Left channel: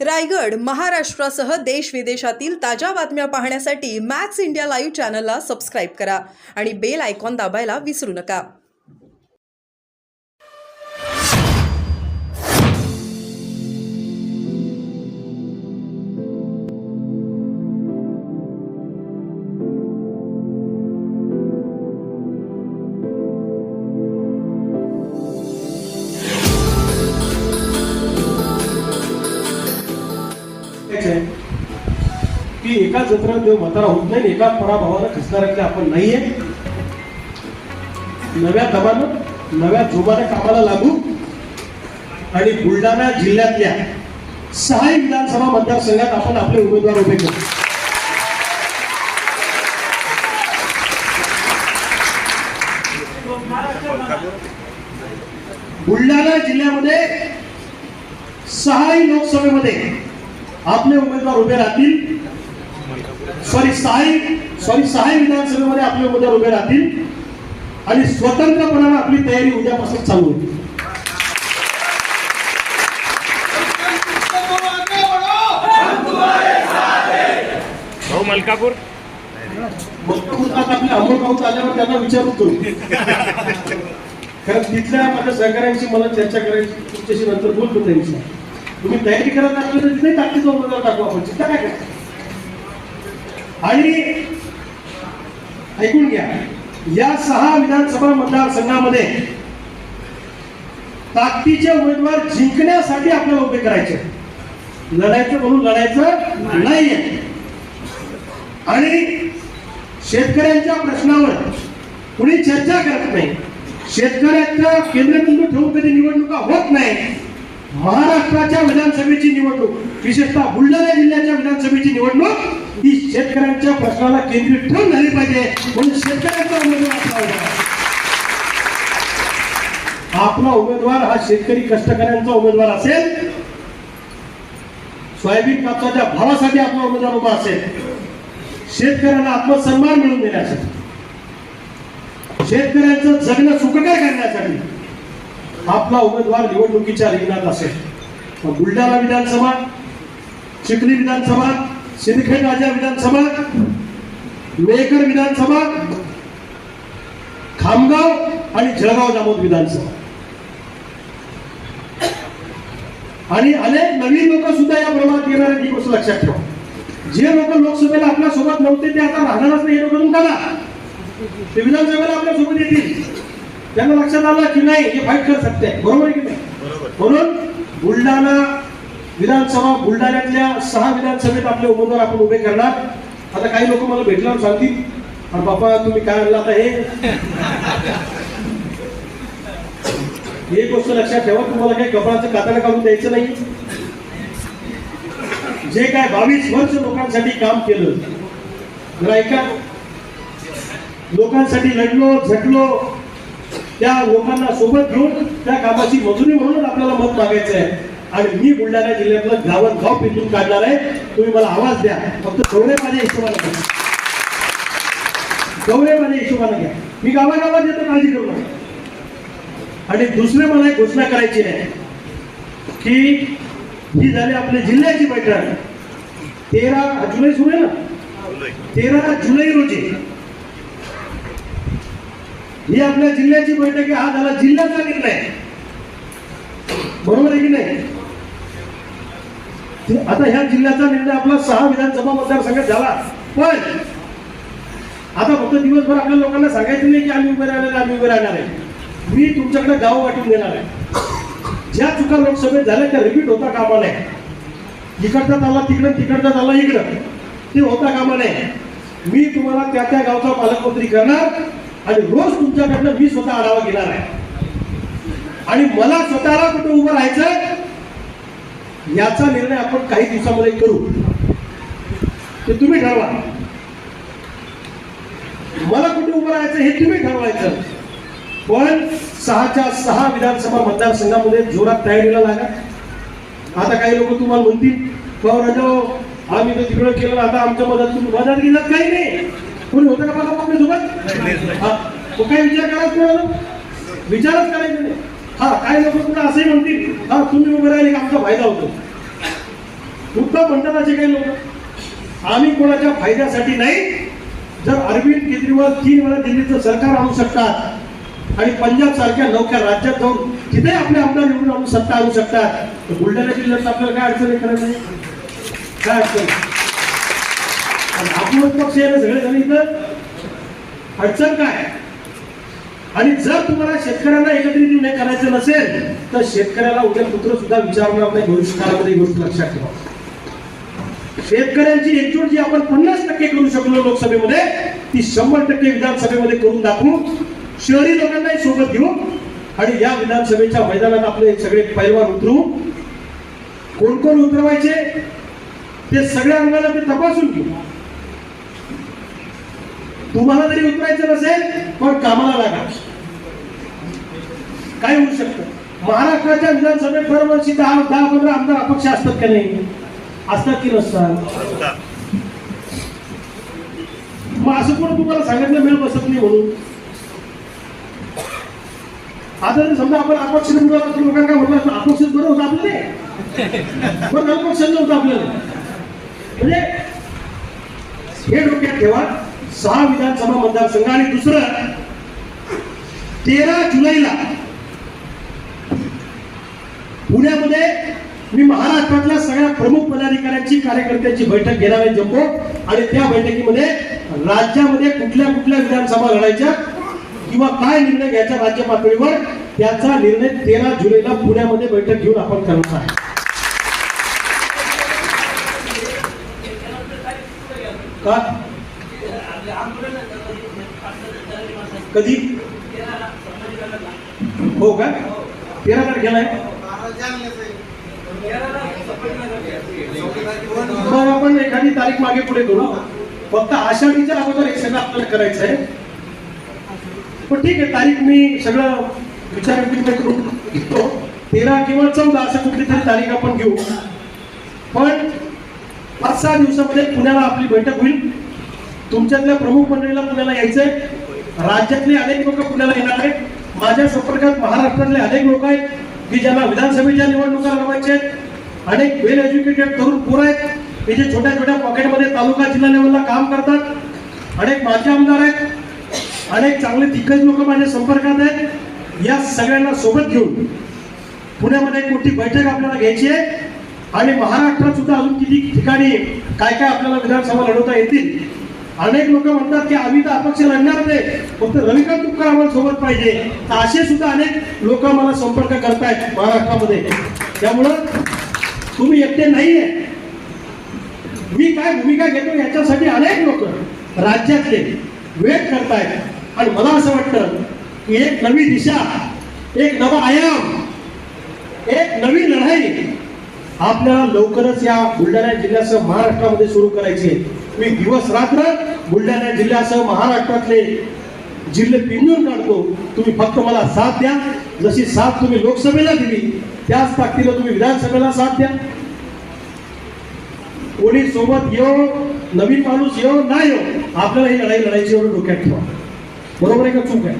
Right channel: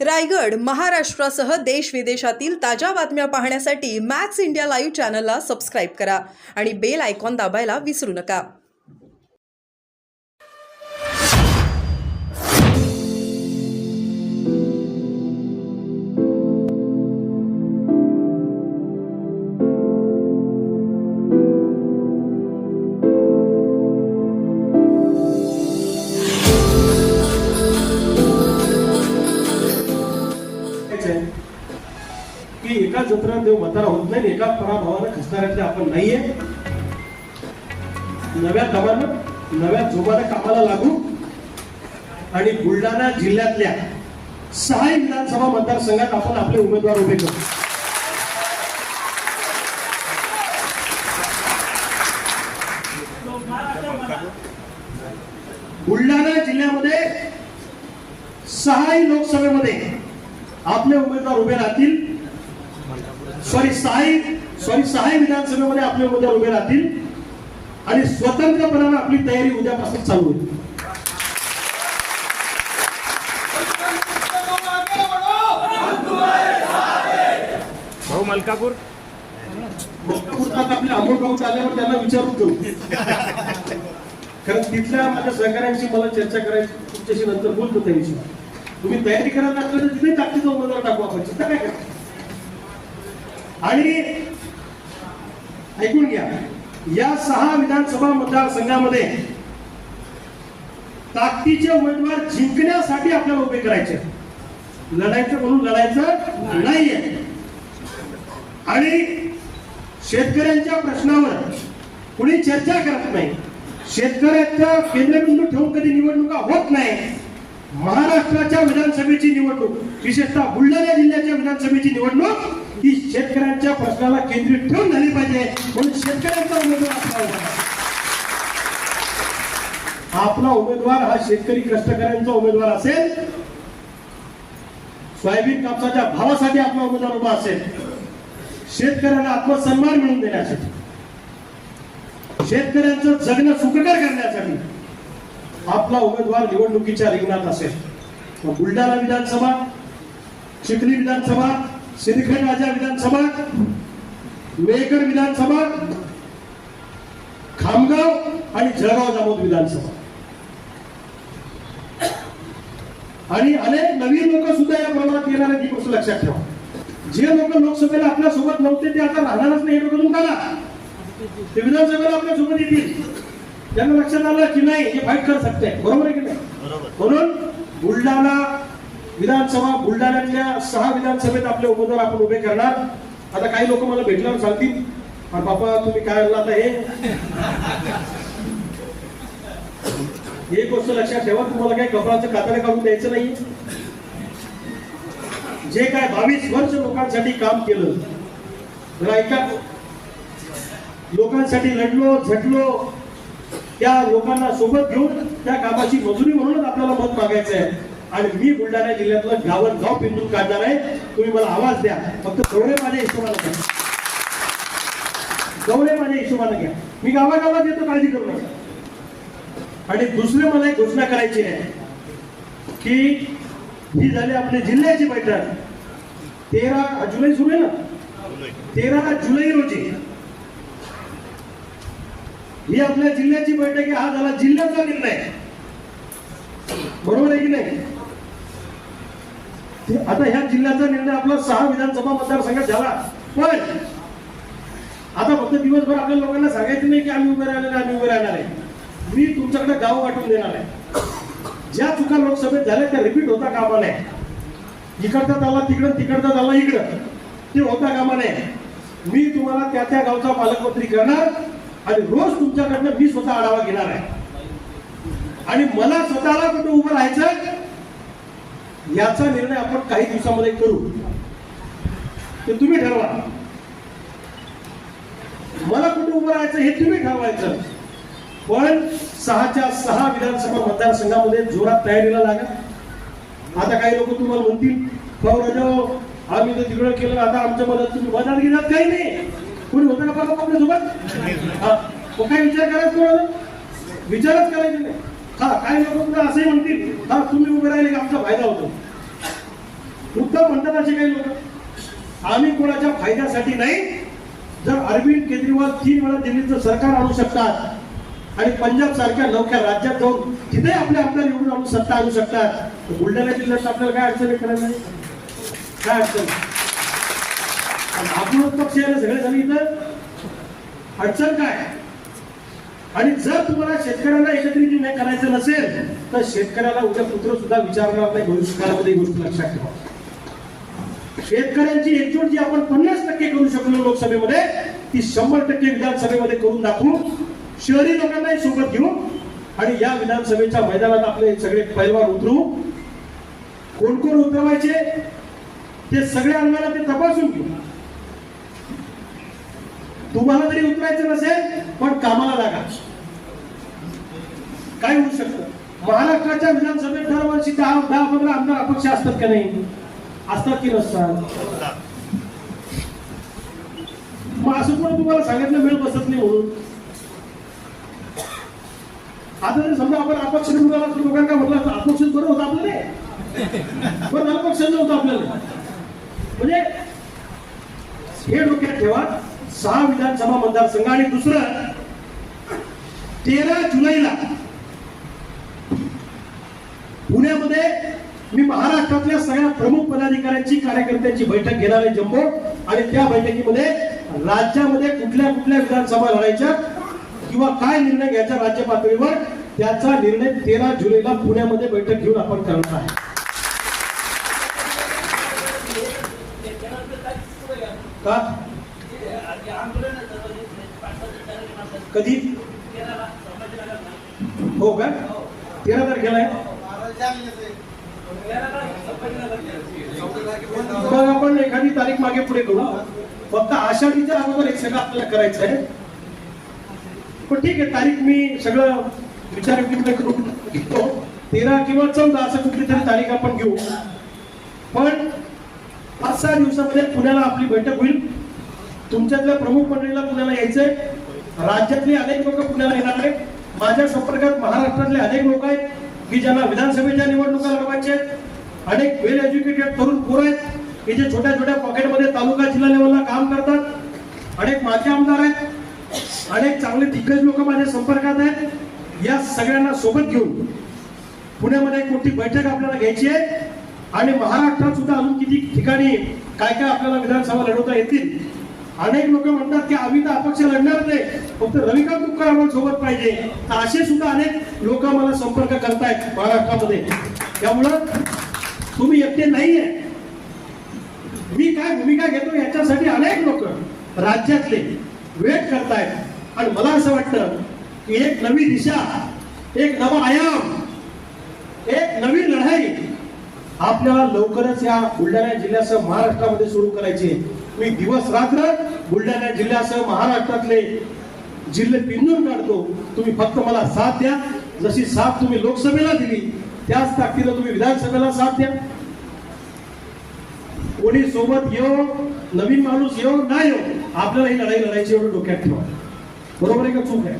रायगड, महाराष्ट्रासह देश विदेशातील ताज्या बातम्या पाहण्यासाठी मॅक्स इंडिया लाईव्ह चॅनलला सबस्क्राईब करा आणि बेल आयकॉन दाबायला विसरू नका. की एका जत्रात देव म्हातारा होत नाही, एका पराभवानं खचणाऱ्यातले आपण नाहीये. नव्या दमानं नव्या जोमानं कामाला लागू आणि बुलढाणा जिल्ह्यातल्या 6 विधानसभा मतदारसंघात आपण आपले उमेदवार उभे करू. बुलढाणा जिल्ह्यामध्ये 6 लोकसभेमध्ये आपले उमेदवार उभे राहतील. सॉरी 6 विधानसभेमध्ये आपले उमेदवार उभे राहतील आणि स्वतंत्रपणाने आपली तयारी उद्यापासून चालू होईल. मलकापूर आपले अमोलगाव चालल्यावर त्यांना विचारून करू, कारण तिथल्या माझ्या सहकाऱ्यांशी मला चर्चा करायची, तुमच्याशी नंतर बोलतो त्या विषयी. तुम्ही तयारी करत असलं तर तिथे ताकदीचा उमेदवार टाकू आपण, चिंता काय करायचं. आणि ऐकून घ्या, या 6 विधानसभा मतदारसंघामध्ये ताकदीचे उमेदवार जिंकण्यासाठी आपल्याला उभे करायचे, लढायचं म्हणून लढायचं नाहीये. आणि शेतकऱ्यांच्या प्रश्नावर कुणी चर्चा करत नाही, शेतकऱ्याचा केंद्रबिंदू ठेवून कधी निवडणुका होत नाही. महाराष्ट्राच्या विधानसभेची निवडणूक, विशेषतः बुलढाणा जिल्ह्याच्या विधानसभेची निवडणूक ही शेतकऱ्यांच्या प्रश्नाला केंद्रित ठेवून झाली पाहिजे, म्हणून शेतकऱ्यांचा उमेदवार आपला उमेदवार हा शेतकरी कष्टकऱ्यांचा उमेदवार असेल, सोयाबीन कापसाच्या भावासाठी आपला उमेदवार उभा असेल, शेतकऱ्यांना आत्मसन्मान मिळवून देण्यासाठी, शेतकऱ्यांचं जगणं सुखकर करण्यासाठी आपला उमेदवार निवडणुकीच्या रिंगणात असेल. बुलढाणा विधानसभा, चिखली विधानसभा, सिंदखेड राजा विधानसभा, मेहकर विधानसभा, खामगाव आणि जळगाव जामोद विधानसभा आणि अनेक नवीन लोक सुद्धा या प्रमाणात येणार आहेत. ही गोष्ट लक्षात ठेवा. जे लोक लोकसभेला आपल्या सोबत नव्हते ते आता राहणारच नाही, हे लोक तुम्ही टाका, ते विधानसभेला आपल्या सोबत येतील. त्यांना लक्षात आलं की नाही हे फाईट कर सकते, बरोबर आहे की नाही. म्हणून बुलढाणा विधानसभा, बुलढाण्यातल्या 6 विधानसभेत आपले उमेदवार आपण उभे करणार. आता काही लोक मला भेटल्यावर सांगतील, आणि बापा तुम्ही काय आणलं आता, हे गोष्ट लक्षात ठेवा. तुम्हाला काही कपाळाचं कातडं काढून द्यायचं नाही. जे काय 22 वर्ष लोकांसाठी काम केलं, जरा ऐका, लोकांसाठी लढलो झटलो, त्या लोकांना सोबत घेऊन त्या कामाची मजुरी म्हणून आपल्याला मत मागायचं आहे. आणि मी बुलढाणा जिल्ह्यातलं गाव पिंजून काढणार आहे. तुम्ही मला आवाज द्या, फक्त गौरवमाझ्या हिशोबाने घ्या, गौरवमाझ्या हिशोबाने घ्या. मी गावागावात येतो, काळजी करू नका. आणि दुसरे मला एक घोषणा करायची आहे की ही झाली आपल्या जिल्ह्याची बैठक. 13 जुलै सुरू आहे ना, 13 जुलै रोजी ही आपल्या जिल्ह्याची बैठक आहे. हा झाला जिल्ह्याचा निर्णय, बरोबर आहे की नाही. आता ह्या जिल्ह्याचा निर्णय आपला 6 विधानसभा मतदारसंघात झाला. पण आता फक्त दिवसभर आपल्या लोकांना सांगायचं नाही की आम्ही उभे राहणार आहे. मी तुमच्याकडे गाव वाटून देणार आहे. ज्या चुका लोकसभेत झाल्या त्या रिपीट होता कामा नये. इकडचा चालला तिकडं, तिकडचा चालला इकडं, ते होता कामा नये. मी तुम्हाला त्या त्या गावचा पालकमंत्री करणार आणि रोज तुमच्याकडनं मी स्वतः आढावा घेणार आहे. आणि मला स्वतःला कुठे उभं राहायचं याचा निर्णय आपण काही दिवसामध्ये करू, ते तुम्ही ठरवा. मला कुठे उभं राहायचं हे तुम्ही ठरवायचं. पण 6च्या 6 विधानसभा मतदारसंघामध्ये जोरात तयारीला लागा. आता काही लोक तुम्हाला म्हणतील, राजा आम्ही तर तिकडं केलं, आता आमच्या मदत घेण्यात काही नाही. कोणी होतं का पाहता आपल्या सोबत? तो काही विचार करायचा तुम्हाला, विचारच करायचा नाही. हा काय लोक तुला असंही म्हणतील, हा तुम्ही उभे राहिले आमचा फायदा होतो. मुद्दा म्हणतात असे काही लोक, आम्ही कोणाच्या फायद्यासाठी नाही. जर अरविंद केजरीवाल 3 वेळा दिल्लीचं सरकार आणू शकतात आणि पंजाब सारख्या नौक्या राज्यात जाऊन तिथे आपले आमदार निवडून आणून सत्ता आणू शकतात, तर बुलढाणा जिल्ह्यात आपल्याला काय अडचण करायचं नाही? काय अडचण? आपलं पक्ष आहे सगळे झाले इथं, अडचण काय? आणि जर तुम्हाला शेतकऱ्यांना एकत्रित निर्णय करायचं नसेल तर शेतकऱ्याला उद्या पुत्र सुद्धा विचारणार नाही भविष्यकाळामध्ये. ही गोष्ट लक्षात ठेवा. शेतकऱ्यांची एकजूट जी आपण 50% करू शकलो लोकसभेमध्ये, ती 100% विधानसभेमध्ये करून दाखवू. शहरी लोकांनाही सोबत घेऊ आणि या विधानसभेच्या मैदानात आपले सगळे पैलवान उतरू. कोण कोण उतरवायचे ते सगळ्या अंगाला ते तपासून घेऊ. तुम्हाला जरी उतरायचं नसेल पण कामाला लागा. काय होऊ शकतं? महाराष्ट्राच्या विधानसभेत दरवर्षी 10-15 आमदार अपक्ष असतात का नाही? असतात की नसतात? मग असं कोण तुम्हाला सांगितलं मिळ बसत नाही म्हणून? आता जर समजा आपण अपक्ष निवडून लोकांना काय म्हटलं असतं, अपक्ष बरं होतं आपलं नाही, पण अपक्ष नव्हतं आपल्याला. म्हणजे हे डोक्यात ठेवा. 6 विधानसभा मतदारसंघ आणि दुसरं 13 जुलैला पुण्यामध्ये मी महाराष्ट्रातल्या सगळ्या प्रमुख पदाधिकाऱ्यांची कार्यकर्त्यांची बैठक घेणार आहे जम्बो. आणि त्या बैठकीमध्ये राज्यामध्ये कुठल्या कुठल्या विधानसभा लढायच्या किंवा काय निर्णय घ्यायचा राज्य पातळीवर त्याचा निर्णय 13 जुलैला पुण्यामध्ये बैठक घेऊन आपण करणार आहे. का? कधी? हो का? 13 तारखेला आहे. मग आपण एखादी तारीख मागे पुढे करू. फक्त आषाढीच्या अगोदर एक सगळं आपल्याला करायचं आहे. पण ठीक आहे, तारीख मी सगळं विचार करून घेतो. 13 किंवा 14 असं कुठली तरी तारीख आपण घेऊ. पण 5-6 दिवसामध्ये पुण्याला आपली बैठक होईल. तुमच्यातल्या प्रमुख मंडळीला पुण्याला यायचंय. राज्यातले अनेक लोक पुण्याला येणार आहेत. माझ्या संपर्कात महाराष्ट्रातले अनेक लोक आहेत की ज्यांना विधानसभेच्या निवडणुका लढवायच्या आहेत. अनेक वेल एज्युकेटेड तरुण पोरं आहेत की जे छोट्या छोट्या पॉकेटमध्ये तालुका जिल्हा लेवलला काम करतात. अनेक माजी आमदार आहेत. अनेक चांगले दिग्गज लोक माझ्या संपर्कात आहेत. या सगळ्यांना सोबत घेऊन पुण्यामध्ये एक मोठी बैठक आपल्याला घ्यायची आहे. आणि महाराष्ट्रात सुद्धा अजून किती ठिकाणी काय काय आपल्याला विधानसभा लढवता येतील. अनेक लोक म्हणतात की आम्ही तर अपक्ष लढणार नाही, फक्त रविकांत तुपकर आम्हाला सोबत पाहिजे. तर असे सुद्धा अनेक लोक मला संपर्क करतायत महाराष्ट्रामध्ये. त्यामुळं तुम्ही एकटे नाहीये. मी काय भूमिका घेतो याच्यासाठी अनेक लोक राज्यातले वेट करतायत. आणि मला असं वाटतं की एक नवी दिशा, एक नवा आयाम, एक नवी लढाई आपल्याला लवकरच या बुलढाणा जिल्ह्यासह महाराष्ट्रामध्ये सुरू करायची आहे. मी दिवस रात्र बुलढाणा जिल्ह्यासह महाराष्ट्रातले जिल्हे पिंजून काढतो. तुम्ही फक्त मला साथ द्या. जशी साथ तुम्ही लोकसभेला दिली त्याच ताकदीने तुम्ही विधानसभेला साथ द्या. कोणी सोबत येऊ, नवीन माणूस येऊ नाही येऊ, आपल्याला ही लढाई लढायची एवढं डोक्यात ठेवा. बरोबर आहे का चूक आहे?